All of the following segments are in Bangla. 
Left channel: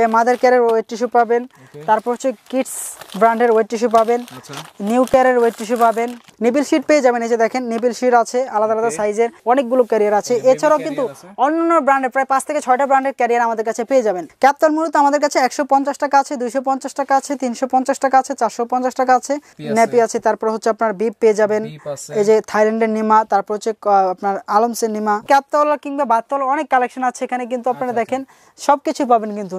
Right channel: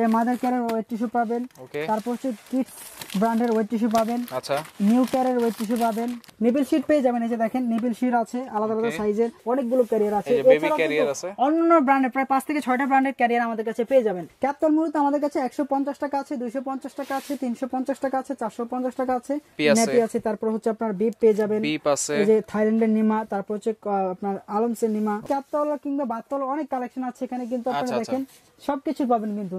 এই মাদার কেয়ারের ওয়েট টিস্যু পাবেন, তারপর হচ্ছে কিডস ব্র্যান্ডের ওয়েট টিস্যু পাবেন, আচ্ছা নিউ কেয়ারের ওয়েট টিস্যু পাবেন, নিপল শিট পেয়ে যাবেন। এই যে দেখেন নিপল শিট আছে আলাদা আলাদা সাইজের, অনেকগুলো ক্যারিয়ার আছে। এছাড়াও কিন্তু অন্যান্য ব্র্যান্ডের প্রায় 5 থেকে 6টা ব্র্যান্ডের ক্যারিয়ার আমাদের কাছে পেয়ে যাবেন। ক্যাপতল মূলত আমাদের কাছে 150 টাকা আছে, 250 টাকা আছে, 350 টাকা আছে, 450 টাকা আছে, নেপি আছে, তারপর হচ্ছে আপনার বিপ পেয়ে যাবেন, এই যে থাইল্যান্ডের নিমা, তারপর হচ্ছে আপনার আলমসের নিমা, ক্যাপতল কিংবা বাতল অনেক কালেকশন আছে এখানে কিন্তু আপনারা দেখেন সবকিছু পাবেন কিন্তু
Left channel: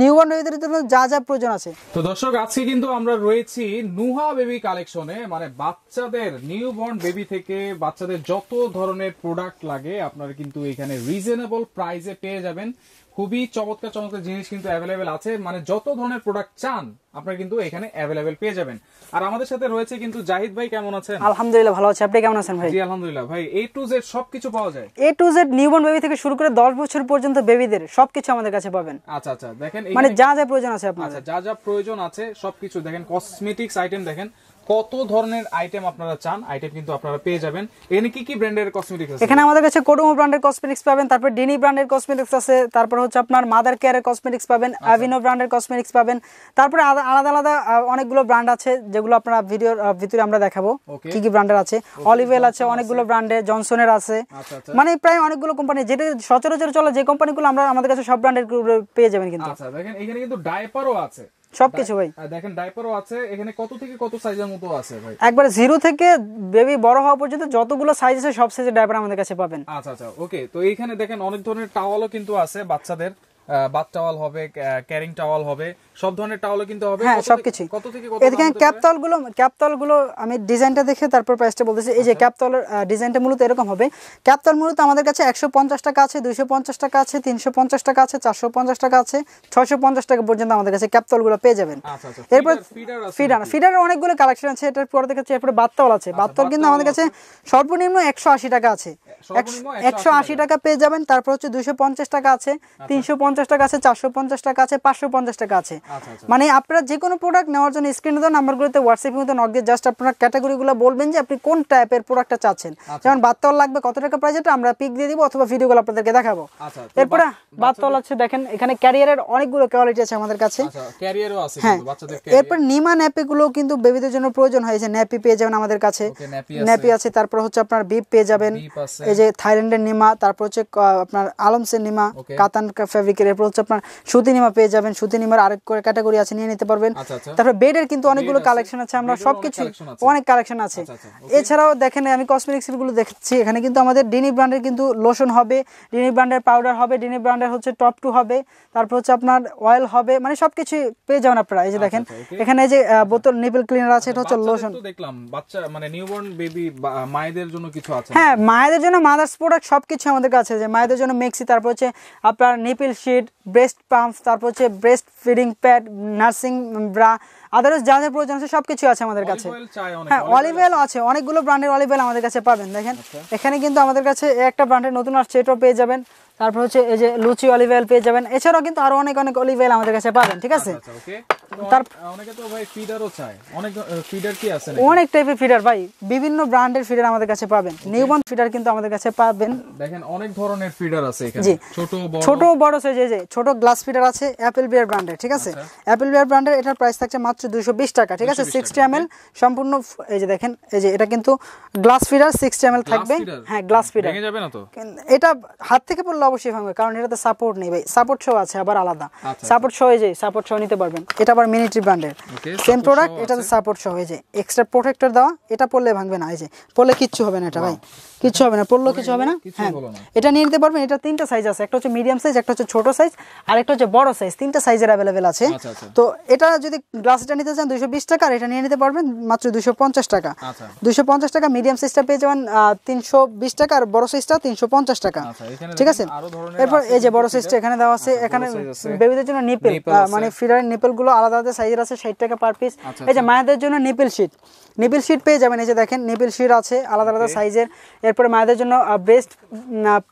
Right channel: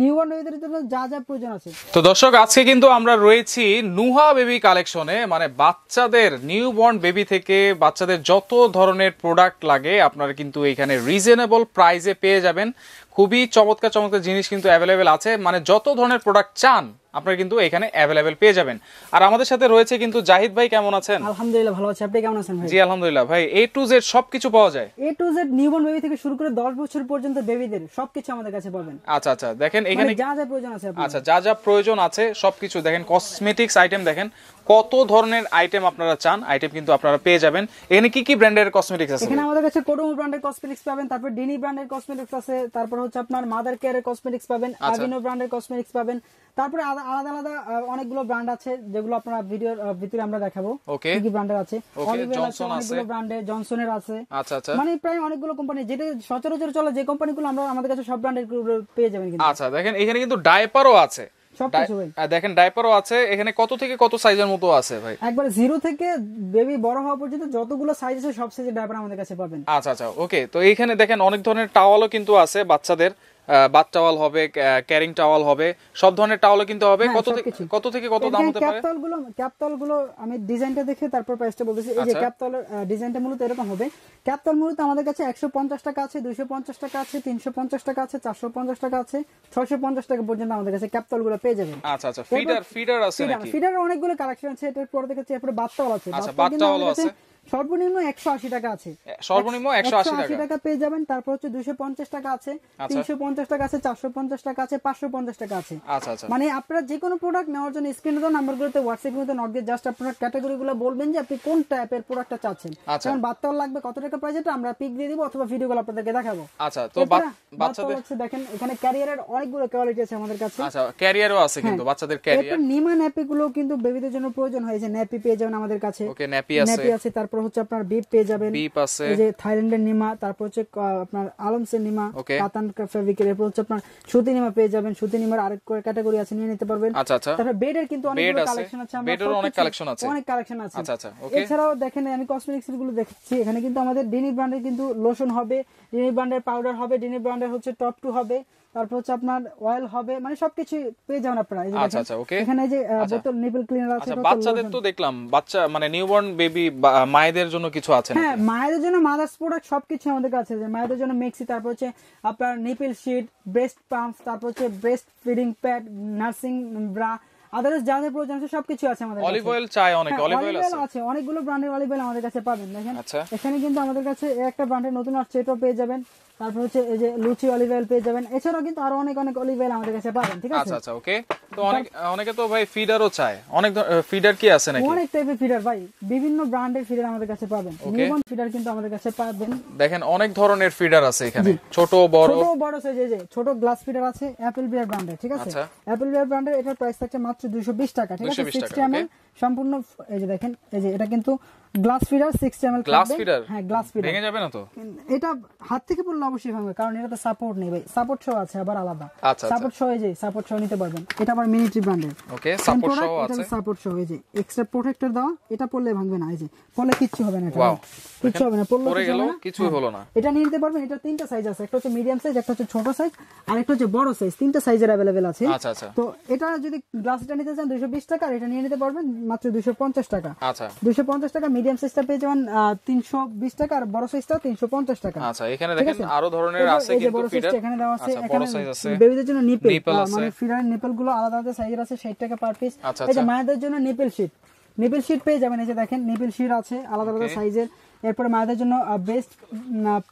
নিউবর্ন বেবিদের জন্য যা যা প্রয়োজন আছে। তো দর্শক আজকে কিন্তু আমরা রয়েছি নুহা বেবি কালেকশনে, মানে বাচ্চাদের নিউবর্ন বেবি থেকে বাচ্চাদের যত ধরনের প্রোডাক্ট লাগে আপনারা কিন্তু এখানে রিজনেবল প্রাইসে পেয়ে যাবেন। খুবই চমৎকার চমৎকার জিনিস কিন্তু অ্যাভেলেবেল আছে, মানে যত ধরনের প্রোডাক্ট চান আপনারা কিন্তু এখানে অ্যাভেলেবেল পেয়ে যাবেন। আর আমাদের সাথে রয়েছে কিন্তু জাহিদ ভাই, কেমন আছেন? আলহামদুলিল্লাহ ভালো আছি, আপনি কেমন আছেন ভাই? জি আলহামদুলিল্লাহ ভাই। A to Z সবকিছু পাওয়া যায়? A to Z newborn baby থেকে শুরু করে 10 বছর পর্যন্ত বেবিদের সবকিছু আমাদের কাছে পাবেন। আচ্ছা আচ্ছা, দেখেন মানে এখানে যা যা প্রয়োজন আছে আপনাদের। আচ্ছা, যা যা প্রয়োজন আছে সবকিছু দেখেন, কসমেটিক্স আইটেম দেখেন কত ধরনের আইটেম আপনারা চান, আইটেম কিন্তু আপনারা পেয়ে যাবেন। এখানে কি কি ব্র্যান্ডের কসমেটিক্স আছে? এখানে আমাদের কাছে কোডোমো ব্র্যান্ডের কসমেটিক্স পাবেন, তারপর ডিনি ব্র্যান্ডের কসমেটিক্স আছে, তারপর হচ্ছে আপনার মাদার কেয়ারের কসমেটিক্স পাবেন, আভিনো ব্র্যান্ডের কসমেটিক্স পাবেন, তারপরে আলাদা আলাদা অনেকগুলো ব্র্যান্ড আছে যেগুলো আপনারা ভিডিওর ভিতরে আমরা দেখাবো কি কি ব্র্যান্ডের আছে। অলিভেল আছে, অনেকগুলো ব্র্যান্ডের, জনসনের আছে, মানে প্রায় অনেকগুলো কোম্পানি যেটা সচরাচর চলে যে কোম্পানিগুলো আমরা আমাদের কাছে সব ব্র্যান্ডের পেয়ে যাবেন কিন্তু। আচ্ছা দেখেন এখানে কিন্তু ডায়াপারও আছে, সবকিছু ভাই দেখেন ডায়াপারও আছে। এখানে কত থেকে কত সাইজের মতো আছে ভাই? একবারে 0 থেকে বেবি বড় হওয়া পর্যন্ত যতগুলো সাইজ আছে সব সাইজের ডায়াপার আমাদের কাছে পাবেন। আচ্ছা আচ্ছা ওকে। তো এইখানে দেখেন অনেক ধরনের টাওয়ালও কিন্তু আছে বাচ্চাদের, বাথ টাওয়াল হবে, ক্যারিং টাওয়াল হবে, সব ধরনের টাওয়ালও কিন্তু হবে। কত থেকে কত দাম হতে পারে? ক্যাপতলগুলো আমি ডিজাইনটা দেখে তারপর প্রাইসটা বলতেছি। এই যে ক্যাপতলের ডিজাইনটা মূলত এরকম হবে। ক্যাপতল মূলত আমাদের কাছে 150 টাকা আছে, 250 টাকা আছে, 350 টাকা আছে, 450 টাকা আছে, 650 টাকা পর্যন্ত আমাদের কাছে ক্যাপতলগুলো পেয়ে যাবেন। আচ্ছা আচ্ছা, ফিডার আছে, ফিডারের অনেকগুলো কালেকশন আছে। এটার পরে দেখাচ্ছি এরপরে বাথটাওয়াল আছে। বাথটাওয়াল কিন্তু আমাদের কাছে সর্বনিম্ন 180 টাকা আছে, সর্বনিম্ন 180 টাকা পেয়ে যাবেন। তারপর হচ্ছে 250 টাকা আছে, 350 টাকা আছে, 450 টাকা আছে, 550 টাকা আছে। মানে আপনারা যে কোনো প্রোডাক্ট নেওয়ার জন্য স্ক্রিনে দেওয়া নাম্বারগুলোতে হোয়াটসঅ্যাপের মধ্যে নক দিয়ে জাস্ট আপনারা ক্যাটাগরিগুলো বলবেন যে আপনি কোন টাইপের প্রোডাক্টটা চাচ্ছেন। যেমন বাথটাওয়াল লাগবে কত টাকা প্রাইস, এটা আমরা পিক দিয়ে দিব অথবা ভিডিওগুলো আপনাদেরকে দেখাবো। এরপরে বাথটাওয়াল আছে দেখেন, এখানে ক্যারিয়ারের অনেকগুলো কোয়ালিটি আছে আমাদের কাছে। আচ্ছা, ক্যারিয়ারও আছে কিন্তু বাচ্চাদের ক্যারিয়ার। এরপর নিমা ন্যাপিগুলো কিন্তু বেবিদের জন্য প্রয়োজন হয়, যে ন্যাপি পেয়ে যাবেন আমাদের কাছে। ন্যাপি আছে, তারপর হচ্ছে আপনার বিপ পেয়ে যাবেন, এই যে থাইল্যান্ডের নিমা, তারপর হচ্ছে আপনার আলমসের নিমা, কাতান ফেব্রিকের। এরপর হচ্ছে আপনার সুতি নিমা পেয়ে যাবেন, সুতি নিমার আরেক করে ক্যাটাগরি আছে, নিয়ে নিতে পারবেন। তারপর বেডের কিন্তু অনেকগুলো কালেকশন আছে, আমরা সবকিছু অনেক কালেকশন আছে। এছাড়াও দেখেন আমি কসমেটিক্স গুলো দেখছি, এখানে কিন্তু আমাদের ডিনি ব্র্যান্ডের কিন্তু লোশন হবে, ডিনি ব্র্যান্ডের পাউডার হবে, ডিনি ব্র্যান্ডের হচ্ছে টপ 2 হবে, তারপর হচ্ছে আপনার অয়েল হবে, মানে সবকিছু পেয়ে যাবেন আপনারা। এই যে দেখেন এখানে যে বোতল নিপল ক্লিনার আছে, এটা হচ্ছে লোশন। তো দেখলাম বাচ্চা মানে নিউবর্ন বেবি মায়েদের জন্য কিছু আছে। হ্যাঁ, মায়েদের জন্য মাদার্স প্রোডাক্ট সবকিছু আমাদের কাছে আছে। মায়েদের জন্য মেক্সি, তারপর হচ্ছে আপনার নিপল শিট, ব্রেস্ট পাম্প, তারপর হচ্ছে breast feeding pad, nursing bra, others যা যা প্রয়োজন আছে সবকিছু আছে আমাদের কাছে। অলিভ অয়েল চাই অনেক, অলিভ অয়েল আছে, অনেকগুলো ব্র্যান্ডের অলিভ অয়েল আমাদের কাছে পাবেন। দেখেন এখানে কিন্তু আমাদের কাছে একটা ব্র্যান্ডের নতুন আসছে, এটাও পেয়ে যাবেন। তারপর হচ্ছে এই যে লুচি অলিভ অয়েল পেয়ে যাবেন। এছাড়াও কিন্তু আরো অনেক অনেক অলিভ অয়েল আমাদের কাছে পাবেন। ঠিক আছে, আচ্ছা ওকে। তো অনেকে তো ভাই ফিডারও চায়, অনেক ফিডার কি আছে নাকি? অনেক টাইপের ফিডার ভাই, বিভিন্ন ব্র্যান্ডের ফিডার আমাদের কাছে পাবেন। নিউবর্ন ফিডার কিন্তু আমাদের কাছে পাবেন। দেখেন অনেক ধরনের ফিডার আছে এখানে, ছোট বড় সাইজ। এই যে ছোট গ্লাস ফিডার আছে অ্যাপল বিয়ার ব্র্যান্ডের। ঠিক আছে, অ্যাপল বিয়ার ব্র্যান্ডের, এটার প্রাইস থাকছে মাত্র 220 টাকা। ঠিক আছে, 60 ml সম্পূর্ণ। এই যে দেখেন, এই যে এটা কিন্তু গ্লাস ফিডার 60 ml থাকবে। হ্যাঁ, গ্লাস ফিডার ভেঙে যাবে না তো? এটা হাত থেকে পড়লে অবশ্যই ভাঙবে, কারণ এটাতে সাপোর্ট নেই ভাই। সাপোর্ট শো আছে আবার আলাদা, সাপোর্ট শো। এই যে সাপোর্ট শো নিতে পারবেন। এটা আবার মিনিট্রি ব্র্যান্ডের সেম প্রোডাক্ট, এটাতে সাপোর্ট শো। এই যে এক্সট্রা প্রোটেক্টর দেওয়া, এটা পড়লে ভাঙবে না। এই যে পড়লে কিচ্ছু হবে না, এটা ভাই কিচ্ছু হবে না, পড়লে কিছু হবে না, কিছু হলো না। এটা নিয়ে নিতে পারবেন। এটা 3টা সাইজ আছে, একটা হচ্ছে মিডিয়াম সাইজ, একটা হচ্ছে ছোট সাইজ, আর একটা হচ্ছে বড় সাইজ। 3টা সাইজের अवेलेबल আছে। তো এটা যদি গ্লাসটা নিতে চান 220 টাকা, আর এটা নিয়ে নিতে পারবেন মাত্র 250 টাকা। 250 টাকা। মিডিয়াম সাইজটা পেয়ে যাবেন 320 টাকা, আর বড় সাইজটা 350 টাকা। ঠিক আছে, আরো ধরনের এরপর এই যে বড় সাইজটা এখানে দেওয়া আছে। এখানে বেবিদের জন্য নিপল, মানে ফিডারের নিপল গুলো আলাদা আলাদা সাইজের আছে, 60 টাকা পার পিস। এই যে মায়েদের জন্য নিপল শিট, নিপল শিট পেয়ে যাবেন। এই যে দেখেন নিপল শিট আছে আলাদা আলাদা সাইজের। এরপরে মায়েদের জন্য ব্রেস্ট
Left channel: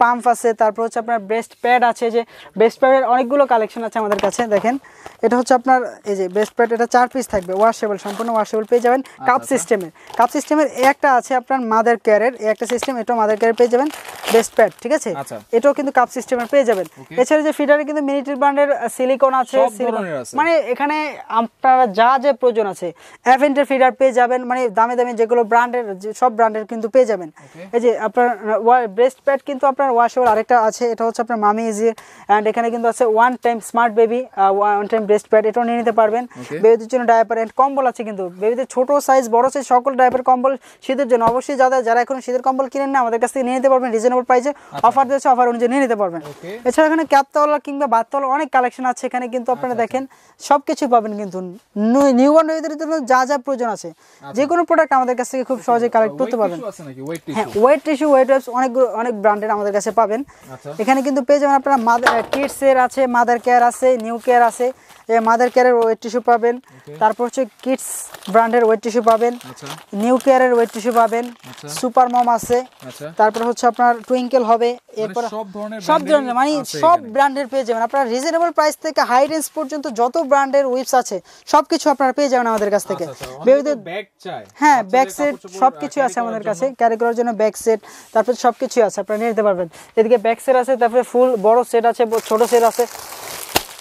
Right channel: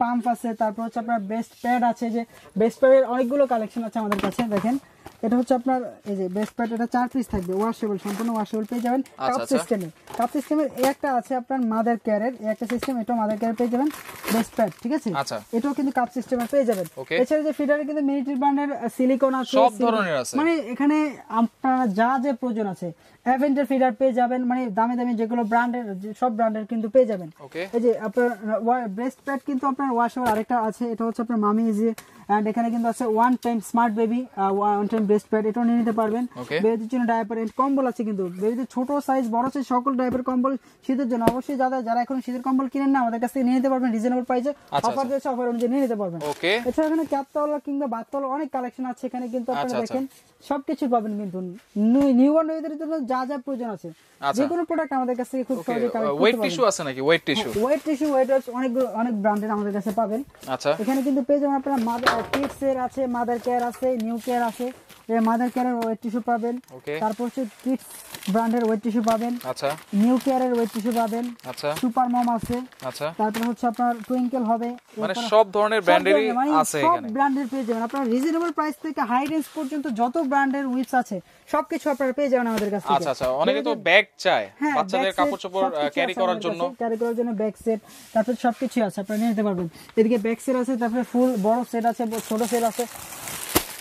পাম্প আছে, তারপর হচ্ছে আপনার ব্রেস্ট প্যাড আছে। যে ব্রেস্ট প্যাডের অনেকগুলো কালেকশন আছে আমাদের কাছে। দেখেন এটা হচ্ছে আপনার এই যে ব্রেস্ট প্যাড, এটা 4 পিস থাকবে, ওয়াশেবল, সম্পূর্ণ ওয়াশেবল পেয়ে যাবেন। কাপ সিস্টেমের একটা আছে আপনার মাদার কেয়ারের, একটা সিস্টেম, এটাও মাদার কেয়ার পেয়ে যাবেন। ব্রেস্ট প্যাড, ঠিক আছে, এটাও কিন্তু কাপ সিস্টেমের পেয়ে যাবেন। এছাড়া যে ফিডারে কিন্তু মিলিটারি ব্র্যান্ডের সিলিকন আছে, মানে এখানে আপনারা যা যে প্রয়োজন আছে অ্যাভেন্টার ফিডার পেয়ে যাবেন, মানে দামি দামি যেগুলো ব্র্যান্ডের সব ব্র্যান্ডের কিন্তু পেয়ে যাবেন। এই যে আপনার ব্রেস্ট প্যাড কিন্তু আপনার ওয়াশেবল আরেকটা আছে, এটা হচ্ছে আপনার মামি ইজি, এন্ড এখানে কিন্তু আছে one time smart baby one time breast pad, এটাও নিয়ে নিতে পারবেন। বেবিদের জন্য ডায়াপার এন্ড কম্বল আছে, কিন্তু বেবিদের ছোট সাইজ বড় সাইজ সকল ডায়াপার কম্বল শীতের জন্য। অবশ্যই যারা এখন শীতের কম্বল কিনেন না আমাদের কাছ থেকে নিয়ে নিতে পারবেন রিজনেবল প্রাইসে, অফার দিয়েছে, অফার অনুযায়ী নিয়ে নিতে পারবেন। এছাড়া এখানে ক্যাপতলা কিংবা বাততলা অনেক কালেকশন আছে এখানে, কিন্তু আপনারা দেখেন সবকিছু পাবেন। কিন্তু নিউবর্ন বেবিদের জন্য যা যা প্রয়োজন আছে যে কোনো প্রোডাক্ট আমাদের কাছ থেকে খুব সহজে কালেক্ট করতে পারবেন। ওয়েট টিস্যু আছে নাকি? ওয়েট টিস্যু ওয়েট ওয়াইপস অনেক ব্র্যান্ডের আমাদের কাছে পাবেন। এখানে কিন্তু পেয়ে যাবেন আপনারা কিডস এর আছে, মাদার কেয়ার আছে, নিউ কেয়ার আছে, মাদার কেয়ারের ওয়েট টিস্যু পাবেন, তারপর হচ্ছে কিডস ব্র্যান্ডের ওয়েট টিস্যু পাবেন, নিউ কেয়ারের ওয়েট টিস্যু পাবেন, সুপার মম আছে, তারপর হচ্ছে আপনার টুইঙ্কেল হবে, এরপর সব ধরনের ব্র্যান্ডের মানে সব ব্র্যান্ডের পেয়ে যাবেন আপনারা রিজনেবল প্রাইস থেকে হাই রেঞ্জ পর্যন্ত যত ব্র্যান্ডের উইপস আছে সবকিছু আপনারা পেয়ে যাবেন আমাদের কাছ থেকে। অনেকে তো ব্যাগ চায়, হ্যাঁ ব্যাগ সেট সবকিছু আছে আমাদের কাছে, ক্যারি করার জন্য ব্যাগ সেট, তারপর সবকিছু আছে আপনারা নিতে পারবেন। এদিকে ব্যাগ সেট আছে, তারপরে ফুল বড় সেট আছে, ছোট সেট আছে,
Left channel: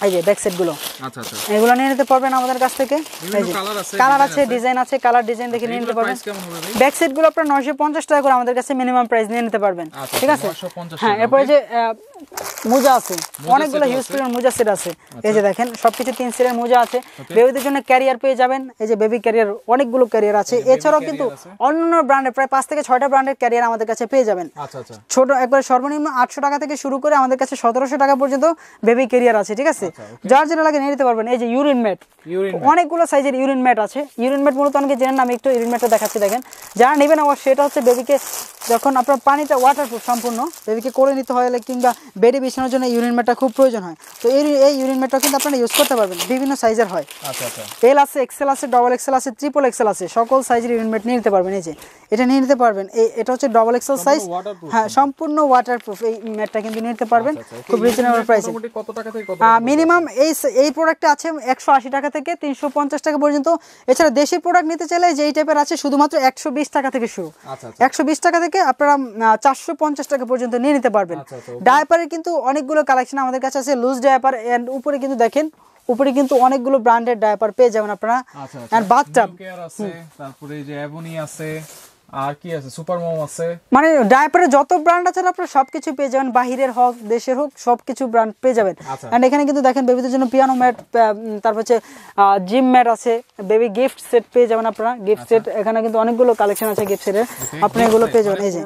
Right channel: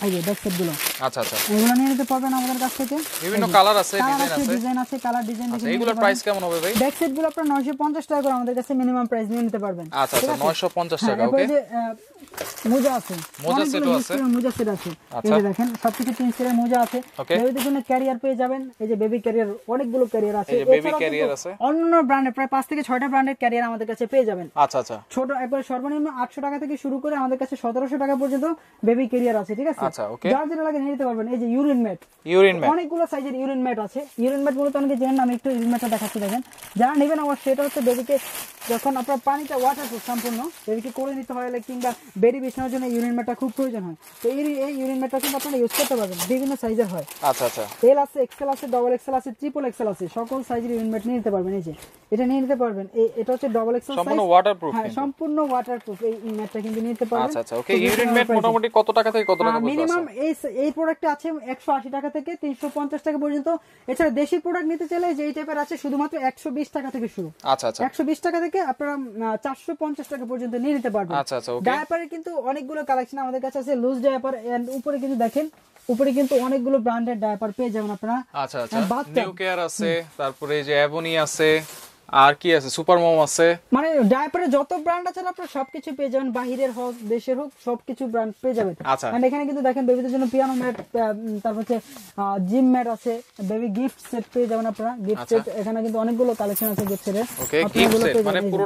এই যে ব্যাক সেট গুলো। আচ্ছা আচ্ছা, এগুলো নিয়ে নিতে পারবেন আমাদের কাছ থেকে। বিভিন্ন কালার আছে, ডিজাইন আছে, কালার ডিজাইন দেখে নিয়ে নিতে পারবেন। প্রাইস কেমন হবে ভাই? ব্যাক সেট গুলো আপনারা 950 টাকা করে আমাদের কাছে মিনিমাম প্রাইস নিয়ে নিতে পারবেন। ঠিক আছে 950 টাকা। এরপর যে মোজা আছে, অনেকগুলো হিউজ পরিমাণ মোজা সেট আছে। এই যে দেখেন সবকিছু 3 সেটের মোজা আছে। বেবিদের জন্য ক্যারিয়ার পেয়ে যাবেন, এই যে বেবি ক্যারিয়ার অনেকগুলো ক্যারিয়ার আছে। এছাড়াও কিন্তু অন্যান্য ব্র্যান্ডের প্রায় 5 থেকে 6টা ব্র্যান্ডের ক্যারিয়ার আমাদের কাছে পেয়ে যাবেন। আচ্ছা আচ্ছা, ছোট একবার সর্বনিম্ন 800 টাকা থেকে শুরু করে আমাদের কাছে 1700 টাকা পর্যন্ত বেবি ক্যারিয়ার আছে। ঠিক আছে, যার যেটা লাগে নিয়ে নিতে পারবেন। এই যে ইউরিন ম্যাট, অনেকগুলো সাইজের ইউরিন ম্যাট আছে। ইউরিন ম্যাট মূলত অনেকে জানেন না, আমি একটু ইউরিন ম্যাটটা দেখাচ্ছি। দেখেন যারা নেবেন আমার সেটা হচ্ছে বেবিকে যখন আপনার পানিটা ওয়াটারপ্রুফ সম্পূর্ণ বেবিকে করে নিতে হয় কিংবা বেডে বিছানোর জন্য ইউরিন ম্যাটটা খুব প্রয়োজন হয়, তো এই ইউরিন ম্যাটটা কিন্তু আপনারা ইউজ করতে পারবেন। বিভিন্ন সাইজের হয়। আচ্ছা আচ্ছা, এল আছে, এক্সেল আছে, ডবল এক্সেল আছে, ট্রিপল এক্সেল আছে, সকল সাইজের ইউরিন ম্যাট নিয়ে নিতে পারবেন। এই যে এটা নিয়ে নিতে পারবেন, এটা হচ্ছে ডবল এক্সেল সাইজ, হ্যাঁ সম্পূর্ণ ওয়াটারপ্রুফ। এই ম্যাটটা কিন্তু নিয়ে নিতে পারবেন। খুব রিজনেবল প্রাইসে। মোটামুটি কত টাকা থেকে কত টাকা? মিনিমাম এই প্রোডাক্টে আছে 180 টাকা থেকে 350 টাকা পর্যন্ত। এছাড়া দেশি প্রোডাক্ট নিতে চাইলে যে এই টাইপের আছে শুধুমাত্র 120 টাকা থেকে শুরু। আচ্ছা আচ্ছা, 120 টাকা থেকে আপনারা 450 টাকা পর্যন্ত নিয়ে নিতে পারবেন। ডায়াপারের কিন্তু অনেকগুলো কালেকশন আমাদের কাছে আছে, লুজ ডায়াপার, এন্ড উপরে কিন্তু দেখেন উপরে কিন্তু অনেকগুলো ব্র্যান্ডেড ডায়াপার পেয়ে যাবেন আপনারা। আচ্ছা আচ্ছা, নিউ কেয়ার আছে, তারপরে এই যে অ্যাভনি আছে, আর কি আছে, সুপার মম আছে, মানে ডায়াপারে যত ব্র্যান্ড আছে আপনারা সবকিছু পেয়ে যাবেন, বাহিরের হোক দেশের হোক সবকিছু ব্র্যান্ড পেয়ে যাবেন। এন্ড এখানে কিন্তু দেখেন বেবিদের জন্য পিয়ানো ম্যাট, তারপর হচ্ছে জিম ম্যাট আছে, বেবি গিফট সেট পেয়ে যাবেন আপনারা। গিফট সেট এখানে কিন্তু অনেকগুলো কালেকশন আছে গিফট সেটের, আপনি এগুলো পেয়ে যাবেন। এই যে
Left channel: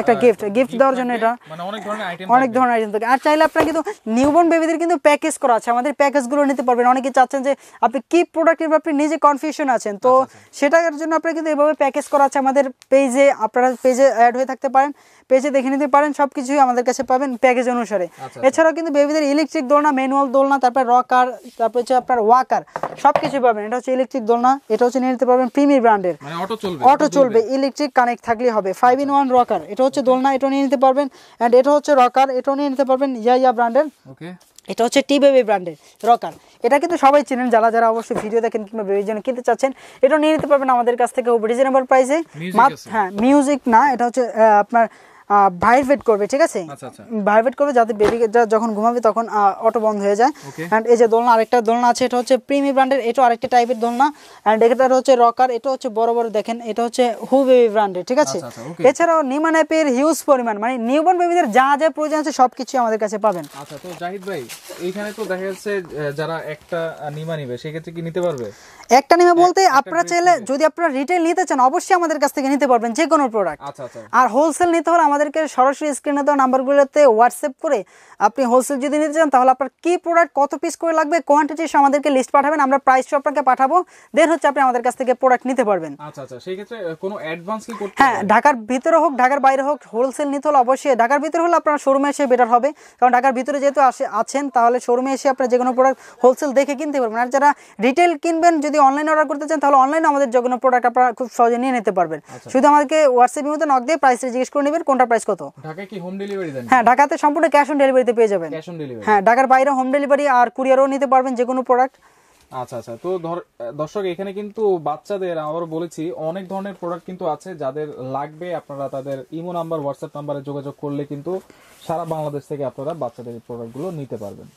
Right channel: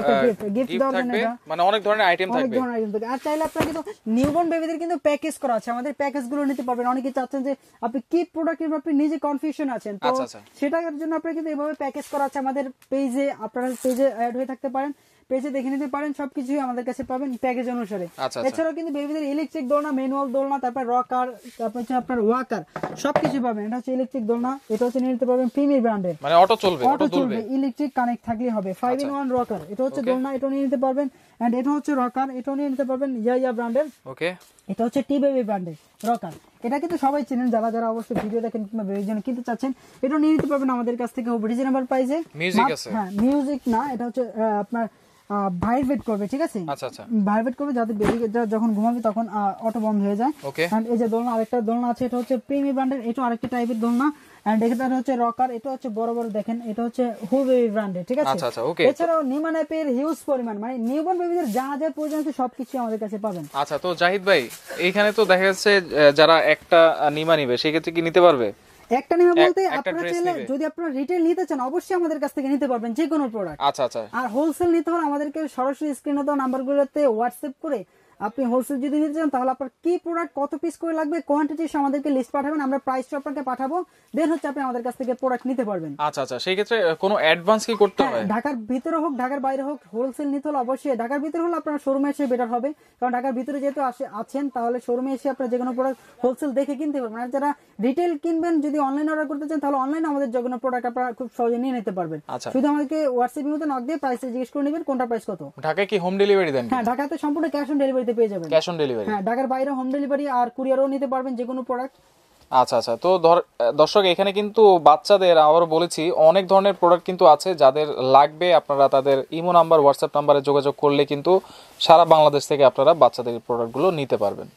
একটা গিফট দেওয়ার জন্য এটা মানে অনেক ধরনের আইটেম থাকে। আর চাইলে আপনারা কিন্তু নিউবর্ন বেবিদের কিন্তু প্যাকেজ করা আছে, আমাদের প্যাকেজগুলো নিতে পারবেন। অনেকে চাচ্ছেন যে আপনি কি প্রোডাক্টের ব্যাপারে নিজে কনফিউশন আছেন, তো সেটার জন্য আপনারা কিন্তু এভাবে প্যাকেজ করা আছে আমাদের পেজে, আপনারা পেজে অ্যাড হয়ে থাকতে পারেন, পেজে দেখে নিতে পারেন, সবকিছুই আমাদের কাছে পাবেন প্যাকেজ অনুসারে। এছাড়াও কিন্তু বেবিদের ইলেকট্রিক দোলনা, ম্যানুয়াল দোলনা, তারপর রকার, তারপর হচ্ছে আপনার ওয়াকার সবকিছু পাবেন। এটা হচ্ছে ইলেকট্রিক দোলনা, এটা হচ্ছে নিয়ে নিতে পারবেন প্রিমিয়ার ব্র্যান্ডের, মানে অটো চলবে, ইলেকট্রিক কানেক্ট থাকলেই হবে। 5-in-1 রকার, এটা হচ্ছে দোলনা, এটা নিয়ে নিতে পারবেন। এন্ড এটা হচ্ছে রকার, এটা নিয়ে নিতে পারবেন ইয়া ব্র্যান্ডের। ওকে, এটা হচ্ছে টি বেবি ব্র্যান্ডের রকার, এটা কিন্তু সবাই চেনেন, যারা অবশ্যই ভিডিও দেখেন কিংবা বেবির জন্য কিনতে চাচ্ছেন এটা নিয়ে নিতে পারবেন আমাদের কাছ থেকে রিজনেবল প্রাইসে। হ্যাঁ মিউজিক না, এটা হচ্ছে আপনার ভাইব্রেট করবে। ঠিক আছে, ভাইব্রেট করবে যাতে বেবি যখন ঘুমাবে তখন অটো বন্ধ হয়ে যায়। এন্ড এই যে দোলনা, আরেকটা দোলনা আছে, এটা হচ্ছে প্রিমি ব্র্যান্ডের, এটা আরেকটা টাইপের দোলনা। এন্ড এটা হচ্ছে রকার, এটা হচ্ছে বড় বড় দেখেন, এটা হচ্ছে হু বেবি ব্র্যান্ডের। ঠিক আছে, এছাড়াও নিমান অ্যাপের হিউজ পরিমাণ, মানে নিউবর্ন বেবিদের যা যা প্রয়োজন আছে সবকিছু আমাদের কাছে পাবেন। আচ্ছা, তো জাহিদ ভাই এইখানে তো দেখা যাচ্ছে যারা একটা নিমা নিবে সেক্ষেত্রে কি নিতে পারবে? একটা নিমা বলতে আপনারা চাইলে যদি আপনারা রিটেল নিতে চান অবশ্যই আমাদের কাছ থেকে নিতে পারবেন যে কোনো প্রোডাক্ট। আচ্ছা আচ্ছা, আর হোলসেল নিতে হলে আমাদেরকে সরাসরি স্ক্রিনে দেওয়া নাম্বারগুলোতে হোয়াটসঅ্যাপ করে আপনি হোলসেল যদি নিতে চান তাহলে আপনার কি প্রোডাক্ট কত পিস করে লাগবে কোয়ান্টিটি আমাদেরকে লিস্ট পাঠাবেন, আমরা প্রাইসটা আপনাকে পাঠাবো, দেন হচ্ছে আপনি আমাদের কাছ থেকে প্রোডাক্ট নিতে পারবেন। আচ্ছা আচ্ছা, সেই ক্ষেত্রে কোনো অ্যাডভান্স কি করতে হবে? হ্যাঁ, ঢাকার ভিতরে হোক ঢাকার বাইরে হোক হোলসেল নিতে হলে অবশ্যই ঢাকার ভিতরে হলে আপনার শোরুমে এসে বেটার হবে, কারণ ঢাকার ভিতরে যেহেতু আছেন তাহলে শোরুমে এসে আপনার যে কোনো প্রোডাক্ট হোলসেল দেখে কিনতে পারবেন। আর যারা রিটেল কিনবেন যদি অনলাইন অর্ডার করতে চান তাহলে অনলাইনে আমাদের যে কোনো প্রোডাক্ট আপনারা খুব সহজে নিয়ে নিতে পারবেন। শুধু আমাদেরকে হোয়াটসঅ্যাপের মধ্যে নক দিয়ে প্রাইসটা জিজ্ঞেস করে নেবেন কোনটা প্রাইস কত। ঢাকায় কি হোম ডেলিভারি দেন? হ্যাঁ, ঢাকাতে সম্পূর্ণ ক্যাশ অন ডেলিভারিতে পেয়ে যাবেন। ক্যাশ অন ডেলিভারি, হ্যাঁ, ঢাকার বাইরে হোম ডেলিভারি আর কুরিয়ারও নিতে পারবেন যে কোনো প্রোডাক্ট। আচ্ছা আচ্ছা, তো দর্শক এখানে কিন্তু বাচ্চাদের আবারও বলেছি অনেক ধরনের প্রোডাক্ট কিন্তু আছে, যাদের লাগবে আপনারা তাদের ইমো নাম্বার হোয়াটসঅ্যাপ নাম্বারে যোগাযোগ করলে কিন্তু সারা বাংলাদেশ থেকে আপনারা বাচ্চাদের প্রোডাক্টগুলো নিতে পারবেন।